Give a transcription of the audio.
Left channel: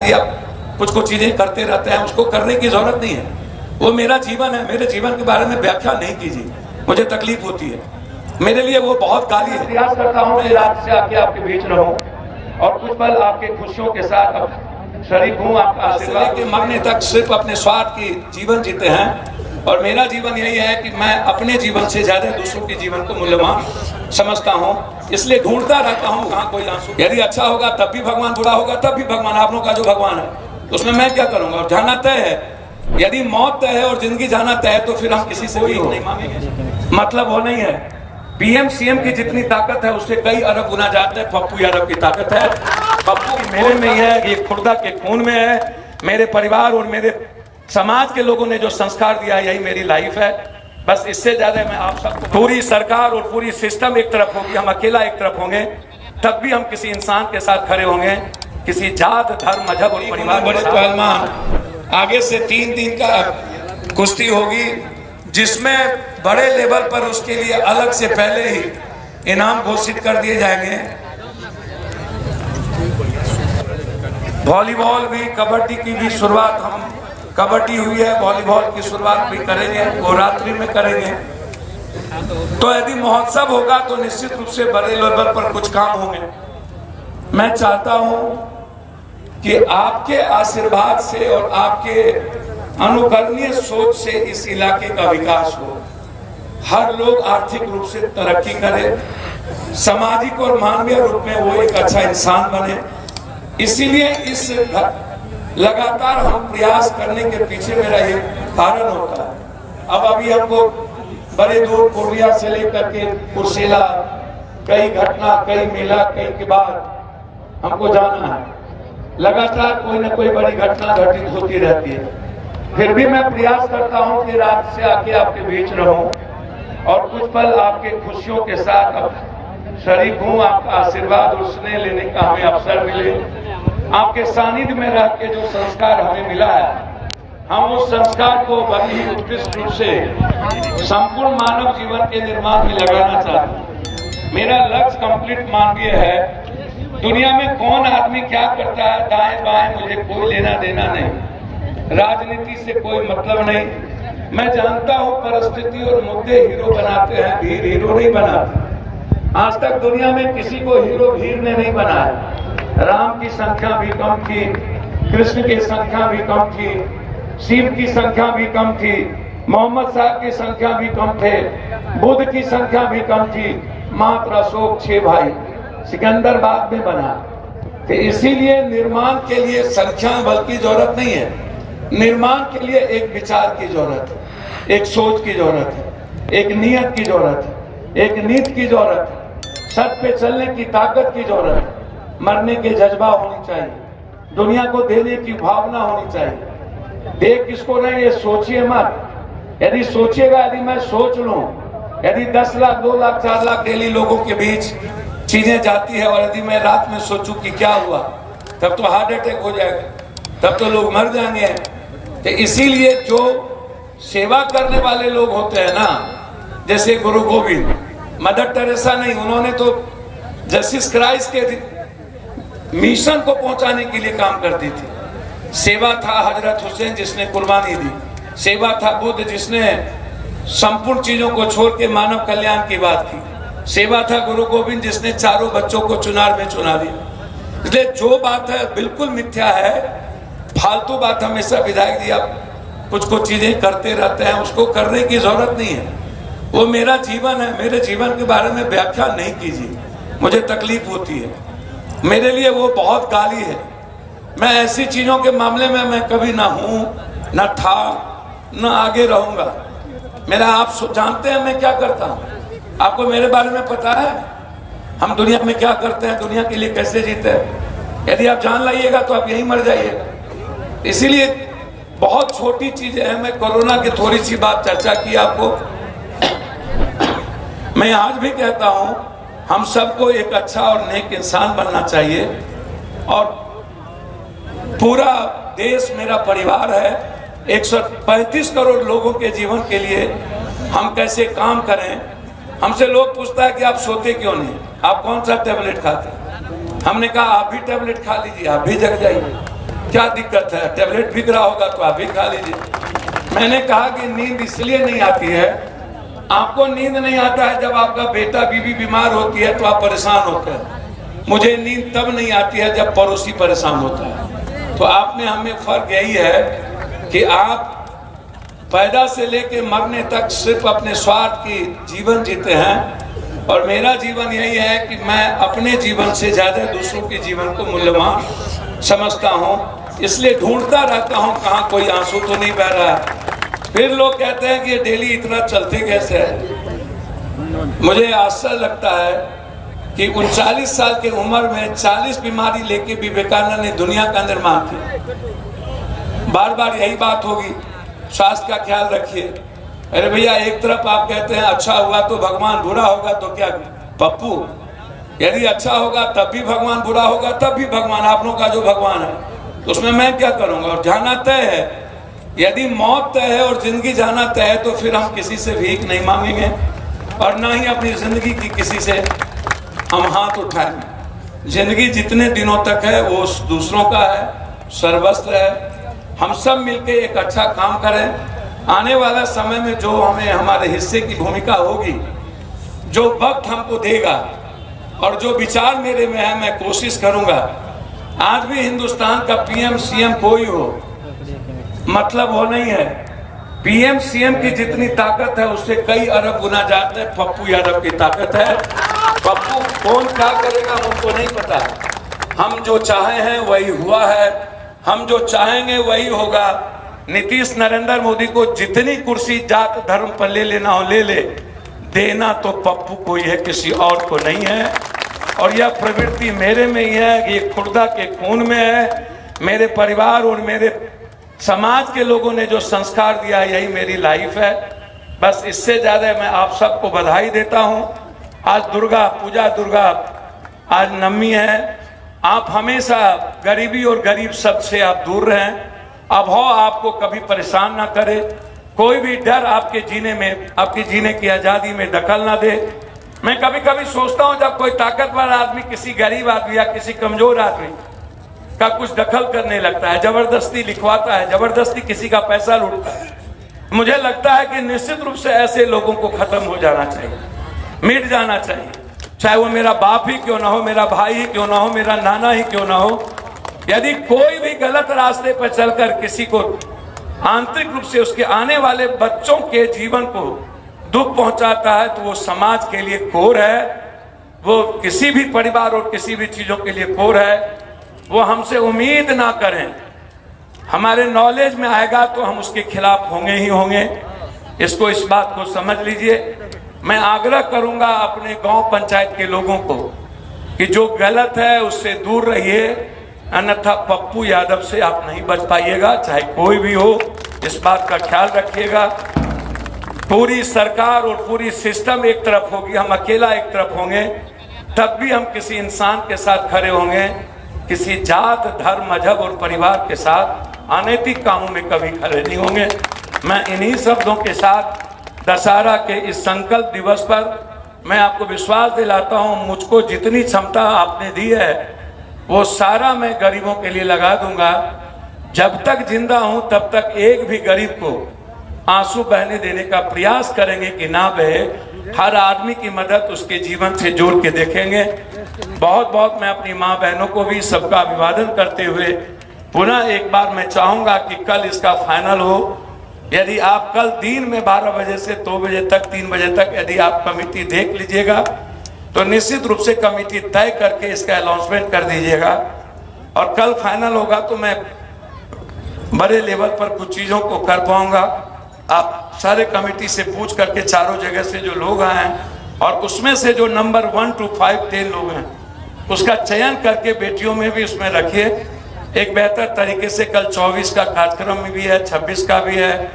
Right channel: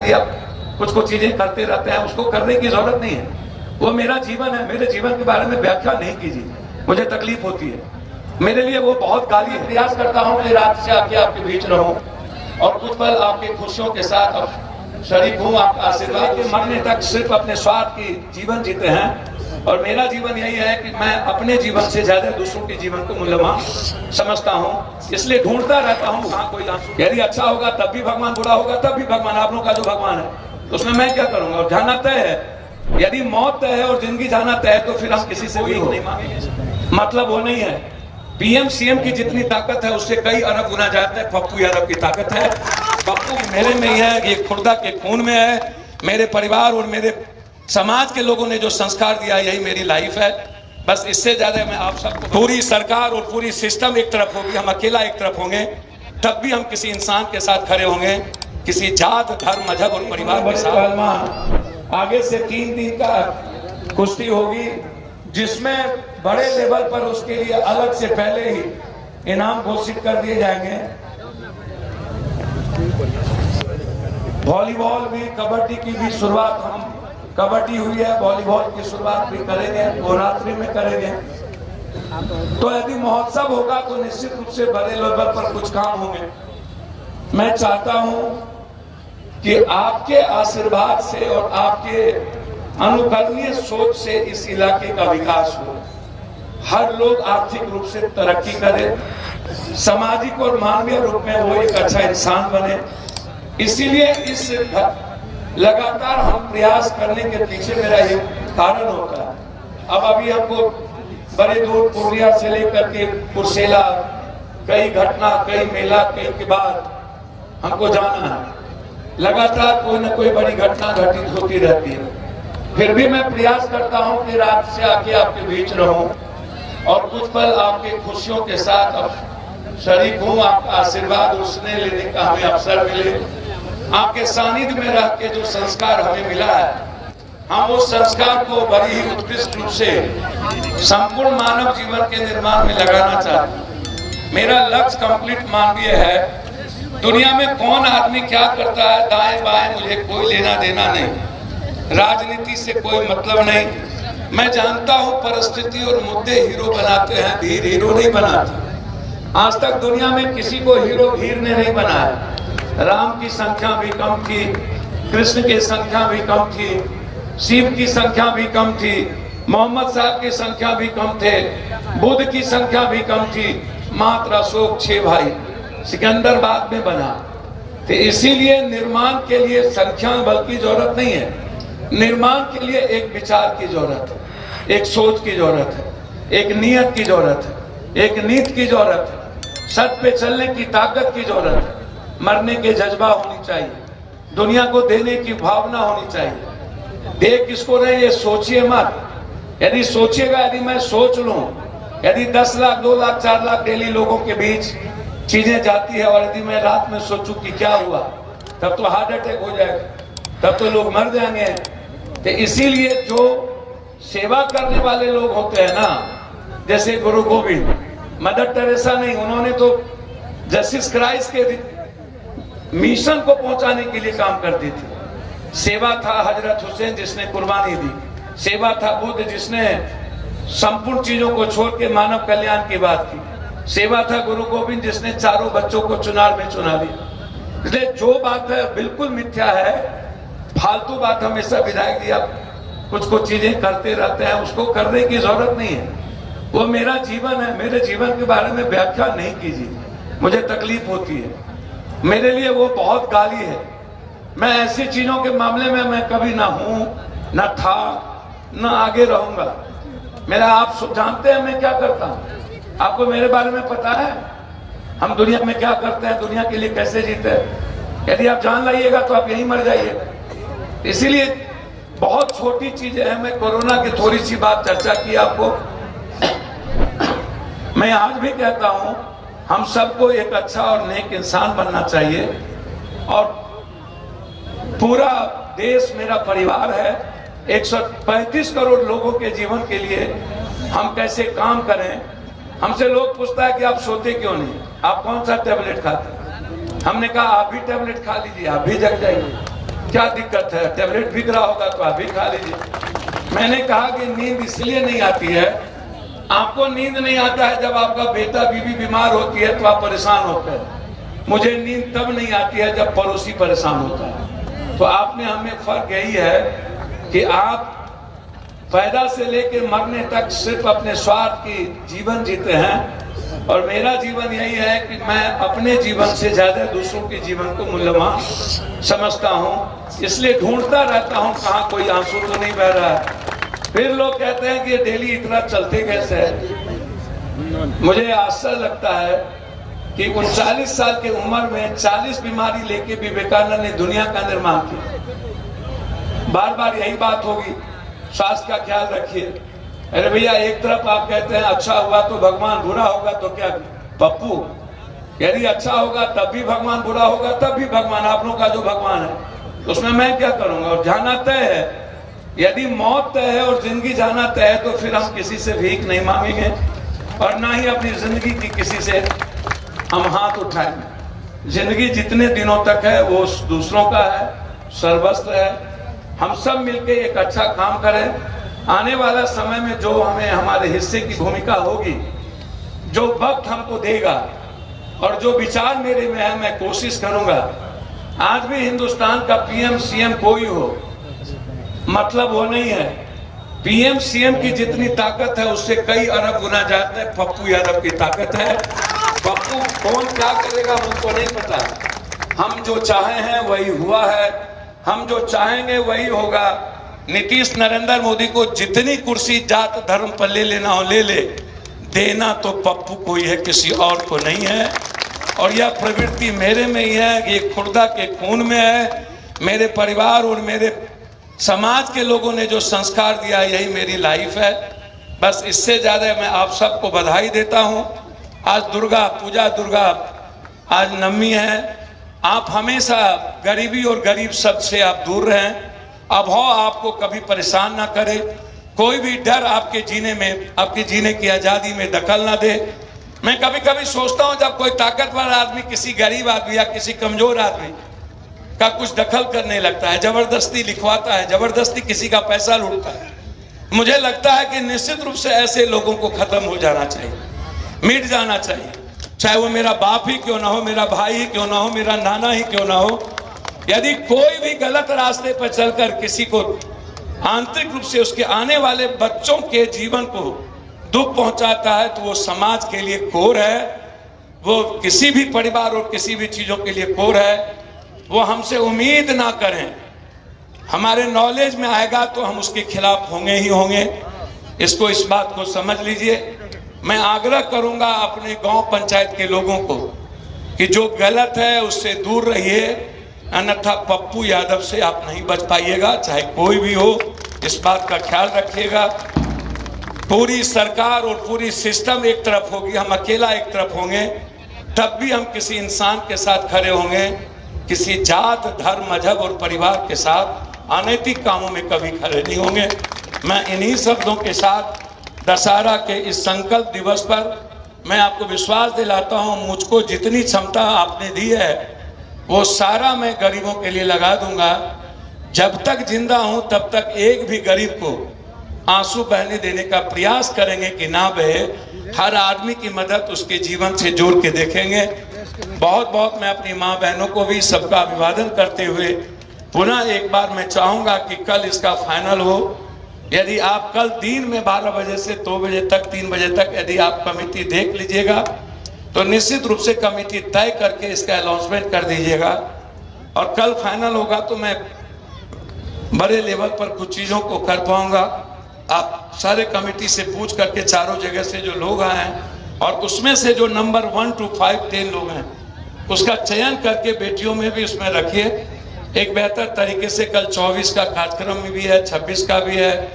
कुछ कुछ चीजें करते रहते हैं, उसको करने की जरूरत नहीं है। वो मेरा जीवन है, मेरे जीवन के बारे में व्याख्या नहीं कीजिए, मुझे तकलीफ होती है। मेरे लिए वो बहुत गाली है। प्रयास करता हूँ कि रात से आके आपके बीच रहूं और कुछ पल आपके खुशियों के साथ शरीक हूँ। आपका आशीर्वाद के मरने तक सिर्फ अपने स्वार्थ की जीवन जीते हैं, और मेरा जीवन यही है कि मैं अपने जीवन से ज्यादा दूसरों के जीवन को मूल्यवान समझता हूँ। इसलिए ढूंढता रहता हूँ कहाँ कोई आंसू। यदि अच्छा होगा तब भी भगवान, बुरा होगा तब भी भगवान। आप लोगों का जो भगवान है उसमें मैं क्या करूंगा। और जाना तय है, यदि मौत तय है और जिंदगी जाना तय है तो फिर हम किसी से भी नहीं मांगेंगे। मतलब वो नहीं है। पीएम सीएम की जितनी ताकत है उससे कई अरब गुना ज्यादा है पप्पू यादव की ताकत है। पप्पू मेरे में ही है, ये खुर्दा के खून में है। मेरे परिवार और मेरे समाज के लोगों ने जो संस्कार दिया, यही मेरी लाइफ है। बस इससे ज्यादा मैं आप सबको, पूरी सरकार और पूरी सिस्टम एक तरफ होगी, हम अकेला एक तरफ होंगे, तब भी हम किसी इंसान के साथ खड़े होंगे। किसी जात, धर्म, मजहब और परिवार। बड़े पहलवान आगे से 3 दिन का कुश्ती होगी, जिसमें बड़े लेवल पर उसके लिए अलग से पहले ही इनाम घोषित कर दिए जाएंगे। वॉलीबॉल भी, कबड्डी की भी शुरुआत, हम कबड्डी हुई है, वॉलीबॉल की शुरुआत भी करेंगे, वो रात्रि में करेंगे। तो यदि महोत्सव होगा तो निश्चित रूप से बड़े लेवल पर कुछ काम होंगे। मैं चाहता हूं कि आपके आशीर्वाद से और आपके अनुकरणीय सोच से इस इलाके का विकास हो। हर लोग आर्थिक रूप से तरक्की करे, सामाजिक और मानवीय रूप में वो एक अच्छा इंसान बने। इसीलिए इस लगातार हम प्रयास करने के पीछे मेरा ये कारण होता है। अब अभी हमको बड़े दूर पूर्णिया से लेकर के कुर्सेला, कई घटना, कई मेला, कई के बाद हमको जाना है। लगातार कोई ना कोई बड़ी घटना घटित होती रहती है। फिर भी मैं प्रयास करता हूं कि रात से आके आपके बीच रहूं और कुछ पल आपके खुशियों के साथ शरीक हूं। आपका आशीर्वाद और स्नेह लेने का हमें अवसर मिले। आपके सानिध्य में रह के जो संस्कार हमें मिला है, हम उस संस्कार को बड़ी ही उत्कृष्ट रूप से संपूर्ण मानव जीवन के निर्माण में लगाना चाहते हैं। मेरा लक्ष्य कंप्लीट मानवीय है। दुनिया में कौन आदमी क्या करता है दाएं बाएं मुझे कोई लेना देना नहीं, राजनीति से कोई मतलब नहीं। मैं जानता हूं परिस्थिति और मुद्दे हीरो बनाते हैं, भीड़ हीरो नहीं बनाते। आज तक दुनिया में किसी को हीरो भीड़ ने नहीं बनाया। राम की संख्या भी कम थी, कृष्ण की संख्या भी कम थी, शिव की संख्या भी कम थी, मोहम्मद साहब की संख्या भी कम थे, बुद्ध की संख्या भी कम थी। मात्र अशोक 6 भाई, सिकंदर बाद में बना। तो इसीलिए निर्माण के लिए संख्या बल की जरूरत नहीं है। निर्माण के लिए एक विचार की जरूरत है, एक सोच की जरूरत है, एक नियत की जरूरत है, एक नीति की जरूरत है, सच पे चलने की ताकत की जरूरत है, मरने के जज्बा होनी चाहिए, दुनिया को देने की भावना होनी चाहिए। दे किसको नहीं ये सोचिए मत। यदि सोचिएगा, यदि मैं सोच लूं, यदि 10 लाख, 2 लाख, 4 लाख डेली लोगों के बीच चीजें जाती है, और यदि मैं रात में सोचूं कि क्या हुआ, तब तो हार्ट अटैक हो जाएगा, तब तो लोग मर जाएंगे। तो इसीलिए जो सेवा करने वाले लोग होते हैं ना, जैसे गुरु गोविंद, मदर टेरेसा नहीं, उन्होंने तो जस्टिस क्राइस्ट के मिशन को पहुंचाने के लिए काम करती थी। सेवा था हजरत हुसैन जिसने कुर्बानी दी, सेवा था बुद्ध जिसने संपूर्ण चीजों को छोड़ के मानव कल्याण की बात की, सेवा था गुरु गोविंद जिसने चारों बच्चों को चुनार में चुना दिया। इसलिए जो बात है बिल्कुल मिथ्या है, फालतू बात हमेशा विधायक जी आप कुछ कुछ चीजें करते रहते हैं, उसको करने की जरूरत नहीं है। वो मेरा जीवन है, मेरे जीवन के बारे में व्याख्या नहीं कीजिए, मुझे तकलीफ होती है। मेरे लिए वो बहुत गाली है। मैं ऐसी चीजों के मामले में मैं कभी ना हूं, ना था, ना आगे रहूंगा। मेरा आप जानते हैं मैं क्या करता हूं, आपको मेरे बारे में पता है हम दुनिया में क्या करते हैं, दुनिया के लिए कैसे जीते हैं। यदि आप जान लाइएगा तो आप यहीं मर जाइएगा। इसीलिए बहुत छोटी चीजें हैं। मैं कोरोना की थोड़ी सी बात चर्चा की आपको। मैं आज भी कहता हूं हम सबको एक अच्छा और नेक इंसान बनना चाहिए, और पूरा देश मेरा परिवार है। 135 करोड़ लोगों के जीवन के लिए हम कैसे काम करें। हमसे लोग पूछता है कि आप सोते क्यों नहीं, आप कौन सा टेबलेट खाते हैं। हमने कहा आप भी टेबलेट खा लीजिए, आप भी जग जाइए। क्या दिक्कत है? टेबलेट बिक रहा होगा तो आप भी खा लीजिए। मैंने कहा कि नींद इसलिए नहीं आती है, आपको नींद नहीं आता है जब आपका बेटा बीवी बीमार होती है तो आप परेशान होते हैं। मुझे नींद तब नहीं आती है जब पड़ोसी परेशान होता है। तो आपने हमें फर्क यही है कि आप पैदा से लेके मरने तक सिर्फ अपने स्वार्थ की जीवन जीते हैं, और मेरा जीवन यही है कि मैं अपने जीवन से ज्यादा दूसरों के जीवन को मूल्यवान समझता हूँ। इसलिए ढूंढता रहता हूँ कहाँ कोई आंसू तो नहीं बह रहा है। फिर लोग कहते हैं कि ये डेली इतना चलते कैसे है। मुझे आश्चर्य लगता है कि 39 साल की उम्र में 40 बीमारी लेके विवेकानंद ने दुनिया का निर्माण किया। बार बार यही बात होगी, स्वास्थ्य का ख्याल रखिए। अरे भैया, एक तरफ आप कहते हैं अच्छा हुआ तो भगवान, बुरा होगा तो क्या पप्पू? यदि अच्छा होगा तब भी भगवान, बुरा होगा तब भी भगवान। आप लोगों का जो भगवान है तो उसमें मैं क्या करूंगा? और जाना तय है। यदि मौत तय है और जिंदगी जाना तय है तो फिर हम किसी से भीख नहीं मांगेंगे और ना ही अपनी जिंदगी की किसी से हम हाथ उठाएंगे। जिंदगी जितने दिनों तक है वो दूसरों का है, सर्वस्व है। हम सब मिलके एक अच्छा काम करें। आने वाला समय में जो हमें हमारे हिस्से की भूमिका होगी, जो वक्त हमको देगा और जो विचार मेरे में है, मैं कोशिश करूंगा। आज भी हिंदुस्तान का पीएम सीएम कोई हो, मतलब वो नहीं है। पीएम सीएम की जितनी ताकत है उससे कई अरब गुना ज्यादा पप्पू यादव की ताकत है। पप्पू कौन क्या करेगा हमको नहीं पता। हम जो चाहे हैं वही हुआ है, हम जो चाहेंगे वही होगा। नीतीश नरेंद्र मोदी को जितनी कुर्सी जात धर्म पर ले लेना हो ले ले, देना तो पप्पू को ही है, किसी और को नहीं है। और यह प्रवृत्ति मेरे में ही है, ये खुर्दा के खून में है। मेरे परिवार और मेरे समाज के लोगों ने जो संस्कार दिया, यही मेरी लाइफ है। बस इससे ज्यादा मैं आप सबको बधाई देता हूं। आज दुर्गा पूजा, दुर्गा आज नवमी है। आप हमेशा गरीबी और गरीब सबसे आप दूर रहें। अभाव आपको कभी परेशान ना करे, कोई भी डर आपके जीने में, आपकी जीने की आजादी में दखल ना दे। मैं कभी कभी सोचता हूं जब कोई ताकतवर आदमी किसी गरीब आदमी या किसी कमजोर आदमी का कुछ दखल करने लगता है, जबरदस्ती लिखवाता है, जबरदस्ती किसी का पैसा लूटता है, मुझे लगता है कि निश्चित रूप से ऐसे लोगों को खत्म हो जाना चाहिए, मिट जाना चाहिए। चाहे वो मेरा बाप ही क्यों ना हो, मेरा भाई ही क्यों ना हो, मेरा नाना ही क्यों ना हो। यदि कोई भी गलत रास्ते पर चलकर किसी को आंतरिक रूप से उसके आने वाले बच्चों के जीवन को दुख पहुंचाता है तो वो समाज के लिए कोर है, वो किसी भी परिवार और किसी भी चीजों के लिए कोर है। वो हमसे उम्मीद ना करें, हमारे नॉलेज में आएगा तो हम उसके खिलाफ होंगे ही होंगे। इसको, इस बात को समझ लीजिए। मैं आग्रह करूंगा अपने गांव पंचायत के लोगों को कि जो गलत है उससे दूर रहिए, अन्यथा पप्पू यादव से आप नहीं बच पाइएगा, चाहे कोई भी हो। इस बात का ख्याल रखिएगा। पूरी सरकार और पूरी सिस्टम एक तरफ होगी, हम अकेला एक तरफ होंगे, तब भी हम किसी इंसान के साथ खड़े होंगे। किसी जात, धर्म, मजहब और परिवार के साथ अनैतिक कामों में कभी खड़े नहीं होंगे। मैं इन्हीं शब्दों के साथ दशहरा के इस संकल्प दिवस पर मैं आपको विश्वास दिलाता हूं, मुझको जितनी क्षमता आपने दी है वो सारा मैं गरीबों के लिए लगा दूंगा। जब तक जिंदा हूं तब तक एक भी गरीब को आंसू बहने देने का प्रयास करेंगे कि ना बहे। हर आदमी की मदद उसके जीवन से जोड़ के देखेंगे। बहुत बहुत मैं अपनी माँ बहनों को भी सबका अभिवादन करते हुए पुनः एक बार मैं चाहूंगा कि कल इसका फाइनल हो। यदि आप कल दिन में 12 बजे से 2 बजे तक, 3 बजे तक यदि आप कमेटी देख लीजिएगा तो निश्चित रूप से कमेटी तय करके इसका अनाउंसमेंट कर दीजिएगा। और कल फाइनल होगा तो मैं बड़े लेवल पर कुछ चीजों को कर पाऊंगा। आप सारे कमेटी से पूछ करके चारों जगह से जो लोग आए हैं और उसमें से जो नंबर 1 to 5 10 लोग हैं उसका चयन करके बेटियों में भी उसमें रखिए एक बेहतर तरीके से। कल 24 का कार्यक्रम भी है, 26 का भी है।